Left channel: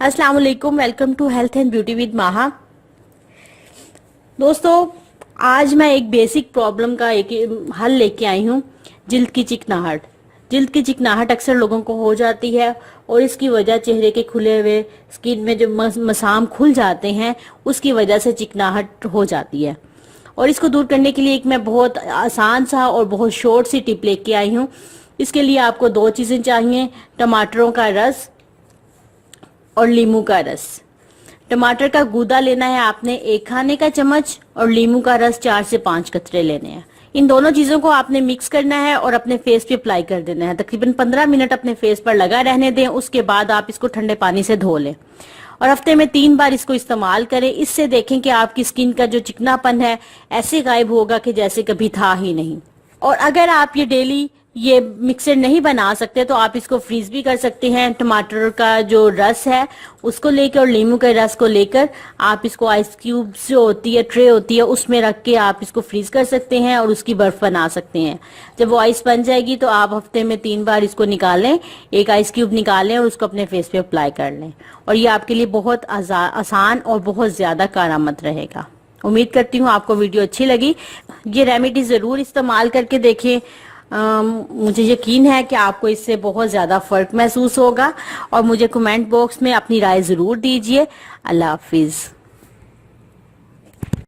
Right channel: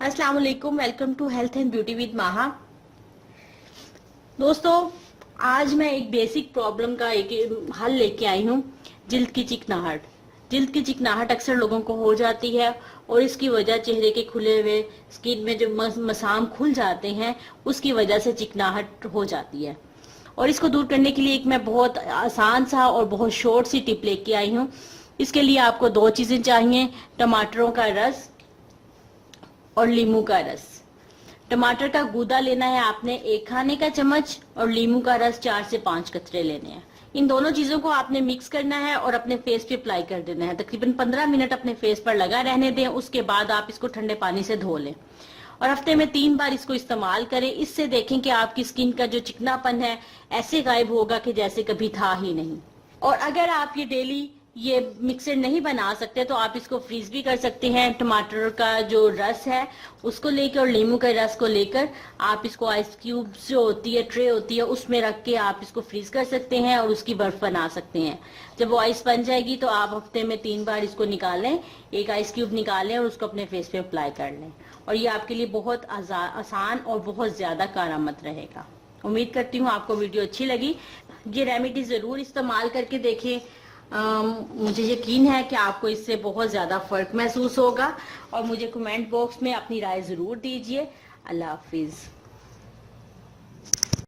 अस्सलाम वालेकुम, welcome to health and beauty with Maha. दोस्तों, आज मैं एक बेसिक प्रॉब्लम का एक हल लेके आई हूँ। जिल्द की चिकनाहट। जिल्द की चिकनाहट अक्सर लोगों को हो जाती है और इसकी वजह चेहरे के खुले हुए स्किन में जो मसाम खुल जाते हैं उसकी वजह से चिकनाहट हो जाती है। और इसको दूर करने के लिए एक मैं बहुत आसान सा और बहुत शॉर्ट सी टिप लेके आई हूँ। इसके लिए आपको दो चीजें चाहिए, टमाटरों का रस और नींबू का रस। टमाटर का गूदा लेना है आपने 1 खाने का चम्मच और नींबू का रस 4 से 5 कतरे लेने हैं। इन दोनों चीजों को आपने मिक्स करना है और अपने फेस पे अप्लाई कर देना है। तकरीबन 15 मिनट अपने फेस पर लगा रहने दें। उसके बाद आप इसको ठंडे पानी से धो लें और हफ्ते में 3 बार इसको इस्तेमाल करें। इससे देखें कि आपकी स्किन का जो चिकनापन है ऐसे गायब होगा कि जैसे कभी था ही नहीं। और अगर आप ये मिक्सर नहीं बना सकते तो आप इसको फ्रीज भी कर सकते हैं। टमाटर का जो रस है उसको लेकर और नींबू के रस को लेकर आप इसको आइस क्यूब्स जो होती है, ट्रे होती है, उसमें रख के आप इसको फ्रीज कर सकते हैं और उसकी बर्फ बना सकते हैं। जब वो आइस बन जाएगी तो आप हफ्ते में 3 बार इसको निकालें, एक आइस क्यूब निकालें और उसको अपने फेस पे अप्लाई कर लें। और ये आपके लिए बहुत आसान और बहुत ज्यादा कारआमद रहेगा। उम्मीद करती हूँ आपको वीडियो अच्छी लगी। ये रेमेडी जरूर इस्तेमाल करके देखें। मुझे यकीन है कि आपको इससे बहुत ज्यादा फर्क महसूस होगा और मुझे कमेंट बॉक्स में अपनी राय जरूर दीजिए। अल्लाह हाफिज।